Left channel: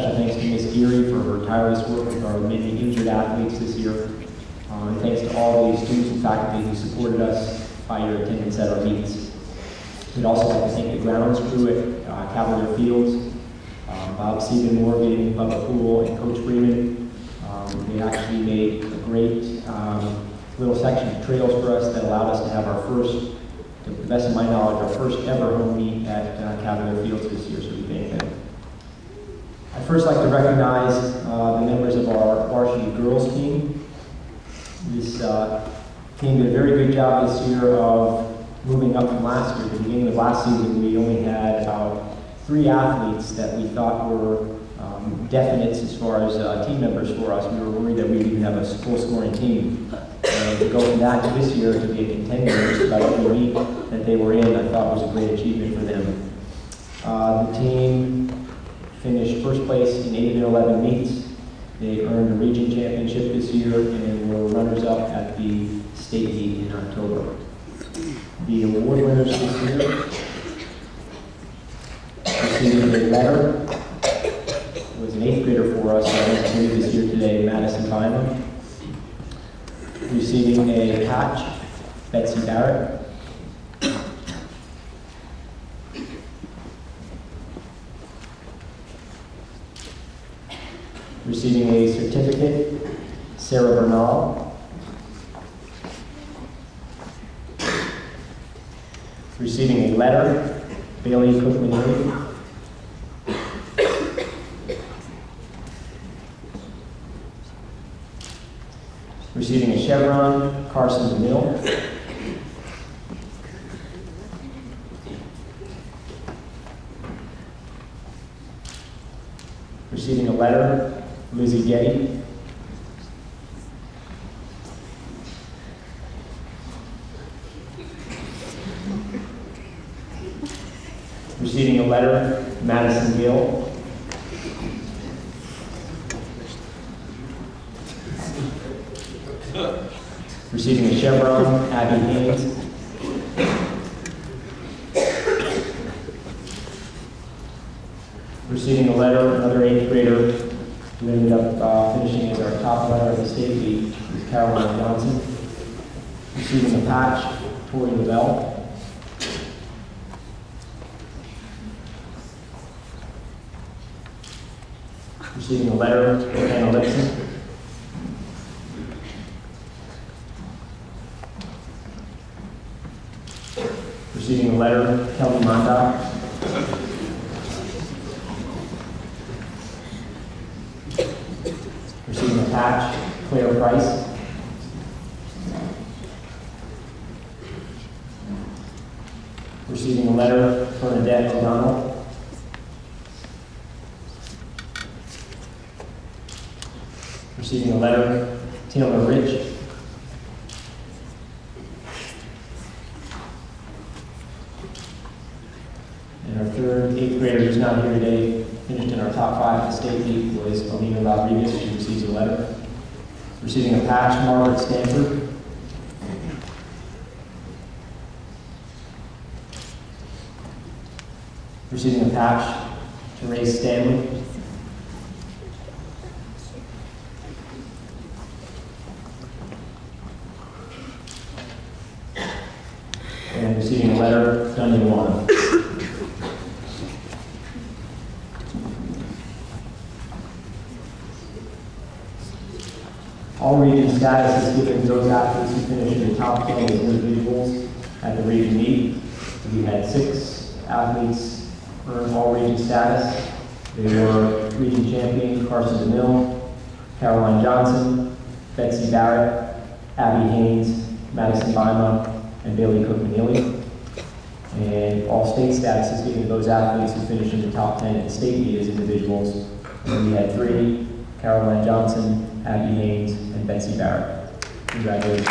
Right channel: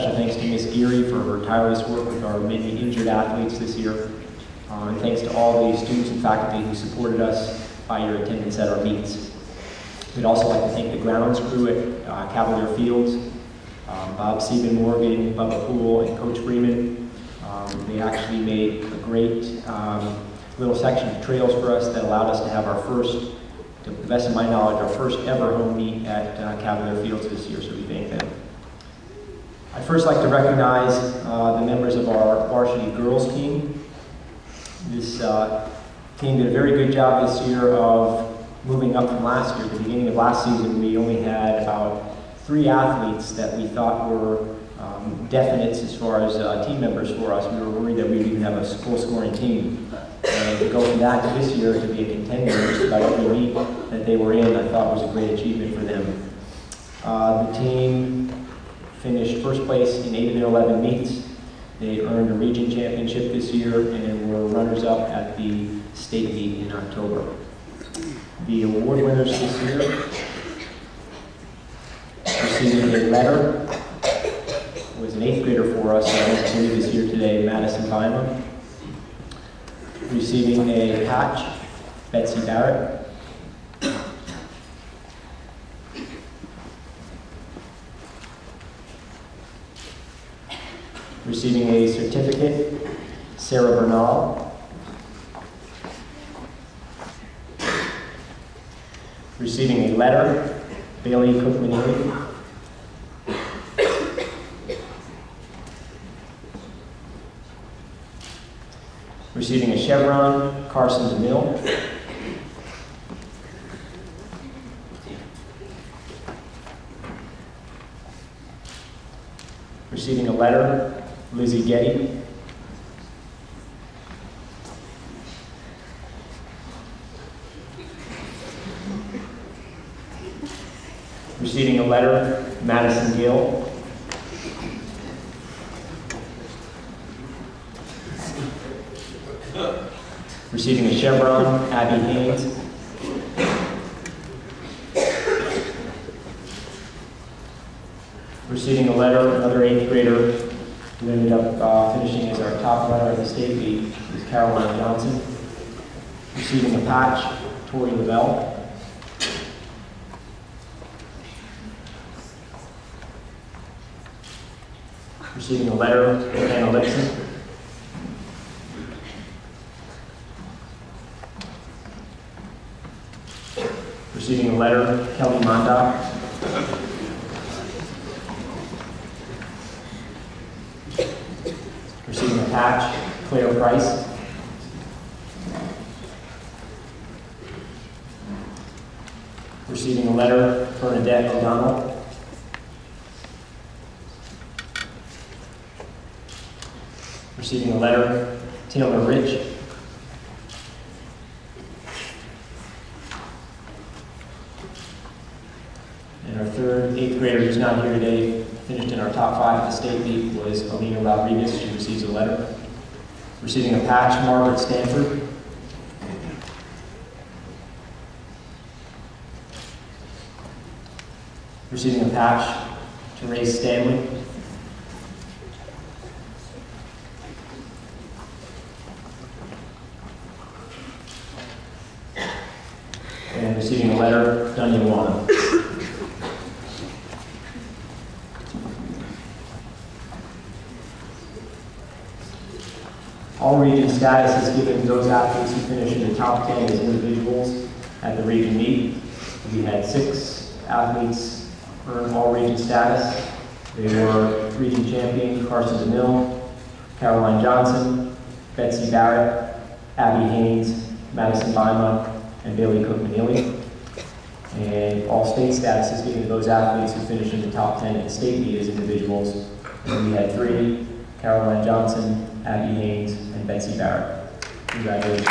Special thanks to Ms. Geary for her tireless work with our many injured athletes this year. And thanks to all the students and faculty who supported us by your attendance at our meets. We'd also like to thank the grounds crew at Cavalier Fields, Bob Stephen Morgan, Bubba Poole, and Coach Freeman. They actually made a great little section of trails for us that allowed us to have our first, to the best of my knowledge, our first ever home meet at Cavalier Fields this year, so we thank them. I'd first like to recognize the members of our varsity girls team. This team did a very good job this year of moving up from last year. At the beginning of last season, we only had about 3 athletes that we thought were definites as far as team members for us. We were worried that we'd even have a full scoring team. And to go from that to this year to be a contender in just about every meet that they were in, I thought was a great achievement for them. The team finished first place in 8 of their 11 meets. They earned a region championship this year and were runners-up at the state meet in October. The award winners this year receiving a letter was an 8th grader for us this year today, Madison Bima. Receiving a patch, Betsy Barrett. Receiving a certificate, Sarah Bernal. Receiving a letter, Bailey Cook-Manili. Receiving a chevron, Carson DeMille. Receiving a letter, Lizzie Getty. Receiving a letter, Madison Gill. Receiving a chevron, Abby Haynes. Receiving a letter, another 8th grader who ended up finishing as our top runner at the state meet, is Caroline Johnson. Receiving a patch, Tori Lavelle. Receiving a letter, Anna Lipson. Receiving a letter, Kelly Mondock. Receiving a patch, Claire Price. Receiving a letter, Bernadette O'Donnell. Receiving a letter, Taylor Rich. And our third 8th grader who's not here today, finished in our top 5 at the state meet, was Alina Rodriguez. She receives a letter. Receiving a patch, Margaret Stanford. Receiving a patch, Therese Stanley. And receiving a letter, Dunya Wana. All region status is given to those athletes who finish in the top 10 as individuals at the region meet. We had 6 athletes earn all region status. They were region champion Carson DeMille, Caroline Johnson, Betsy Barrett, Abby Haynes, Madison Bima, and Bailey Cook-Manili. And all state status is given to those athletes who finish in the top 10 at the state meet as individuals. And we had 3, Caroline Johnson, Abby Haynes, and Betsy Barrett. Congratulations.